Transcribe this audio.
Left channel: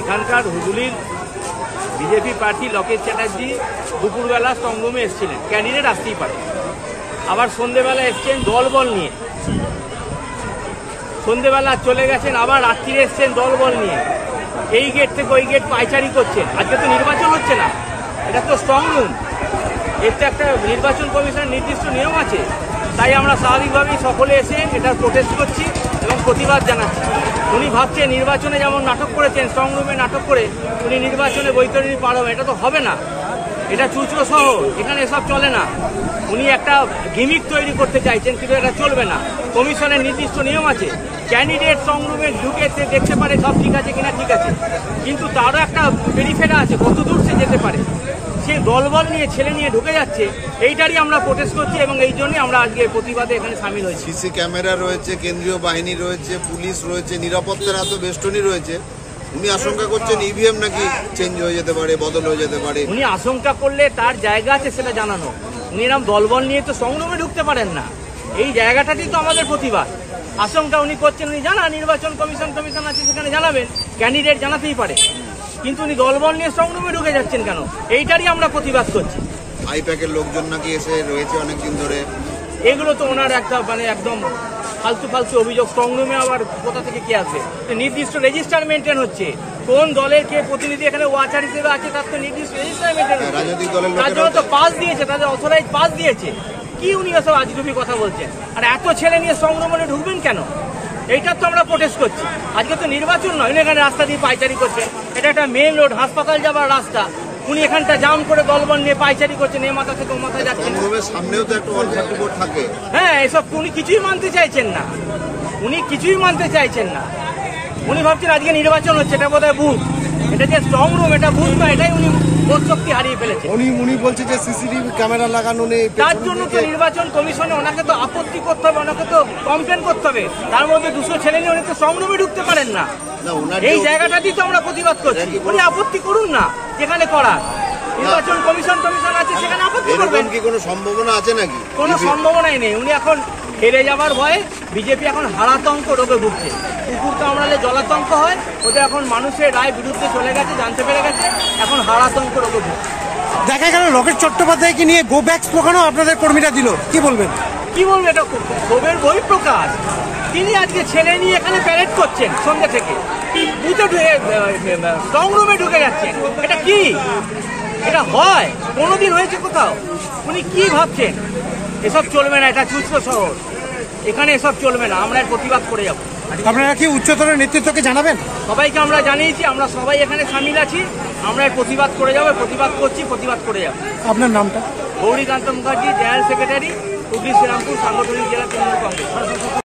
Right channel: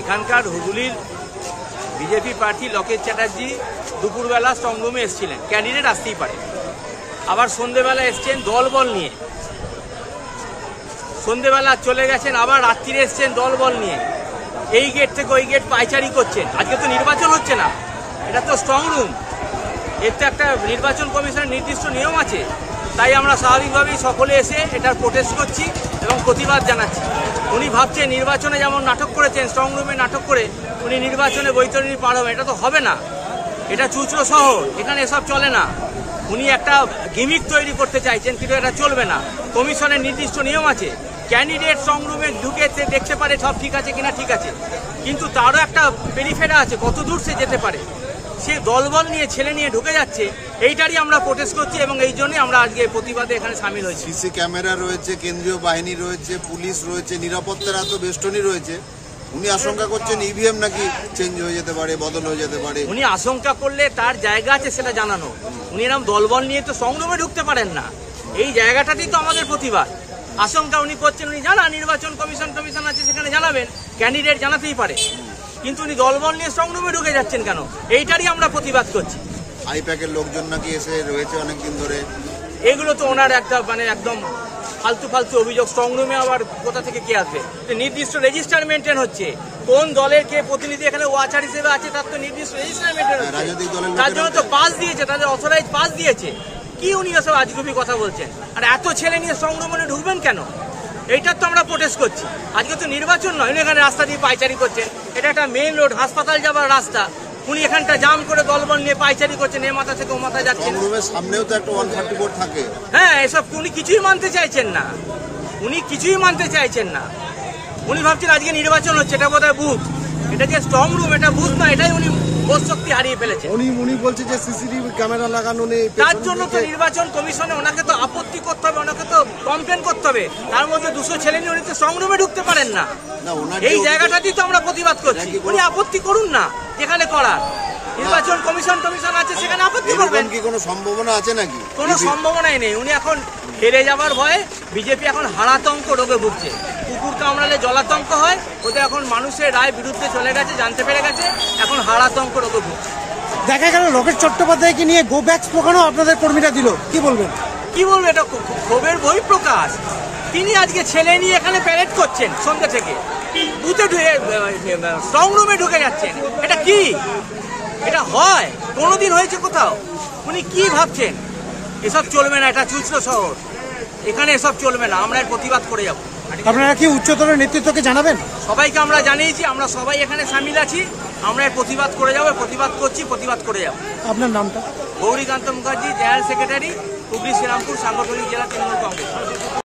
এখানকার হুজুলির বিজেপি প্রার্থী লকেট চ্যাটার্জি দুপুরবেলা স্ট্রংরুমে এসেছিলেন, ক্যান্ডিডেট আসতেই পারে। আবার সন্ধ্যেবেলা এসছেন দলবল নিয়ে, সন্ধ্যেবেলা চলে গেছেন, আবার রাত্রিরে এসছেন দলবল নিয়ে। এই গেট থেকে ওই গেট পাইচারি করছেন। আজকে তো নির্বাচন হচ্ছে না, এটা তো স্ট্রংরুম, এর তো একটা নির্বাচন কমিশনের নির্দিষ্ট নিয়ম আছে। তাই আমরা স্বাভাবিকভাবেই সকলে এসে এটা প্রোটেস্ট করছি এবং প্রতিবাদ জানাচ্ছি। উনি ভাবছেন নির্বাচনে যেমন নাটক করেছেন, স্ট্রংরুমে নাটক করে উনি নির্বাচনে বৈতরণী পার হবে, এটা তো হবে না। এটা চুচড়ো শহর, এখানে এসব চলে না। উনি একটা গিমিক তৈরি করতে চাইছেন, কিন্তু এটা চলবে না। কমিশনের নির্দিষ্ট নিয়ম আছে, ক্যান্ডিডেট স্ট্রংরুমে ঢুকে দেখতে পারে সব ঠিক আছে কিনা, ঠিক আছে, কিন্তু তারও একটা পেরিফেরা আছে, কত দূর সে যেতে পারে। সে দলবল নিয়ে ছেলে নিয়ে ঢুকে যাচ্ছে, এইটারই আমরা প্রোটেস্ট করছি এবং এই জন্যই আমরা আজকে প্রতিবাদে এখানে সামিল হয়েছি। সিসি ক্যামেরা রয়েছে, কেন্দ্রীয় বাহিনী রয়েছে, পুলিশ রয়েছে, নিরাপত্তার এত বেষ্টনী রয়েছে। উনি আশঙ্কা করছেন ইভিএম নাকি চেঞ্জ হয়ে যেতে পারে, বদল হয়ে যেতে পারে। উনি আশঙ্কা করলে তার জায়গা আছে সেটা জানানো। উনি এরকম দলবল নিয়ে তো স্ট্রংরুমে ঢুকতে পারেন না, এই জায়গাটাতেই তো আমাদের প্রতিবাদ। আশঙ্কা উনি করছেন, উনি জানা নির্বাচন কমিশন আছে, সেখানে জানাবেন, ক্যান্ডিডেট জানাতেই পারে, কিন্তু উনি দলবল নিয়ে স্ট্রংরুমে ঢুকে যাচ্ছেন কেন, এইটারই আমরা প্রতিবাদ করছি। আইপ্যাকের লোকজন নাকি এসে রয়েছে অনেকদিন ধরে, এগুলো তো ওনার একটা একদম ফালতু অভিযোগ। স্ট্রংরুমে আবার কোথা থেকে কে আসবে? নির্দিষ্ট রেজিস্টার মেনটেন হচ্ছে, কোন দলের কে প্রতিনিধি এখানে ওয়াচার হিসেবে আছে তার তো নির্দিষ্ট রেজিস্টার মেনটেন হচ্ছে। তার জন্য তো পাস দিয়েছে, তাদের অথরাইজ পাস দিয়েছে। কি উনি এসব আজগুবি কথা বলছেন? আর এত ছেলে নিয়ে স্ট্রংরুমে ঢুকবেন কেন? এইটার তো আমরা প্রোটেস্ট করছি। আজকে তো নির্বাচন নয়, উনি এখানে রাস্তা দিয়ে পাইচারি করছেন। এটা একটা মেইন রোড, হাসপাতাল যাবার রাস্তা, উনি এখানটা জাম করে দলবল নিয়ে পাইচারি করছেন, এ মাথা থেকে ও মাথায় যাচ্ছেন। সামনেও তো একটা 134 থাকে। হ্যাঁ, এসব উনি কিছুই মানতে চাইছেন না, উনি কিছুই মানতে চাইছেন না। উনি ভাবছেন আজকে নির্বাচন হচ্ছে, এটা বোধহয় বুথ, এটা যে স্ট্রংরুম, এটা বুথ নয়, এটাই উনি বোধ শক্তি হারিয়ে ফেলেছে। উনি বলছে যে সিসিটিভি ক্যামেরা লাগানো নেই, তার জন্য তো নির্বাচন কমিশনে ওনাকে তো আপত্তি করতে হবে, ওনাকে তো কমপ্লেন করতে হবে। তার মধ্যে 200 ছেলে নিয়ে উনি তো স্ট্রংরুমে ঢুকতে পারেন না, এই জায়গাটাতেই তো আমরা প্রতিবাদ করছি। উনি আপত্তি করুন না, যেখানে করার নির্বাচন কমিশন আছে সেখানে আপত্তি করবেন। কি কোনো সম্ভাবনা আছে নাকি? কোনো সম্ভাবনাই নেই। উনি এখন হেরে যাবার ভয়ে, বিজেপি এখন হারাতঙ্ক রোগে ভুগছে। কুকুর কামড়ালে জলাতঙ্ক হয়, ওদের এখন মানুষের রায় বিরুদ্ধে চলে গেছে, জানতে পেরে গেছে, এখন হারাতঙ্ক রোগে ভুগছে। দেখা গেল লকেট চট্টোপাধ্যায়কে নিয়ে গো ব্যাক স্লোগানও আপনাদের কর্মীরা দিল, কি বলবেন? কি বলবো, এটা ক্ষোভের বহিঃপ্রকাশ। তিনি আজকে ছেলে নিয়ে এখানে প্যারেড করছেন সন্ধ্যে থেকে, বুথে স্ট্রংরুমে ঢুকে যাচ্ছেন। এটা কি? এটা হয়? কোনোদিন হয়েছে কোথাও? উনি কি ভাবছেন? এসব চলবে না, এটা চুচড়ো শহর, এখানে এসব চলবে না। আমরা এর প্রতিবাদ করে যাব। আপনারা কি উচ্চতর নেতৃত্বকে জানাবেন? সবাইকে আমরা জানিয়েছি, আমরা সবাই এখানে সামিল আছি, আমরা এর প্রতিবাদ করে যাবো, প্রতিবাদ করছি, প্রতিবাদ করে যাব। আপনার নামটা? গৌরীকান্ত মুখার্জি, জেনারেল সেক্রেটারি, হুগলি শ্রীরামপুর সাংগঠনিক জেলা তৃণমূল কংগ্রেস।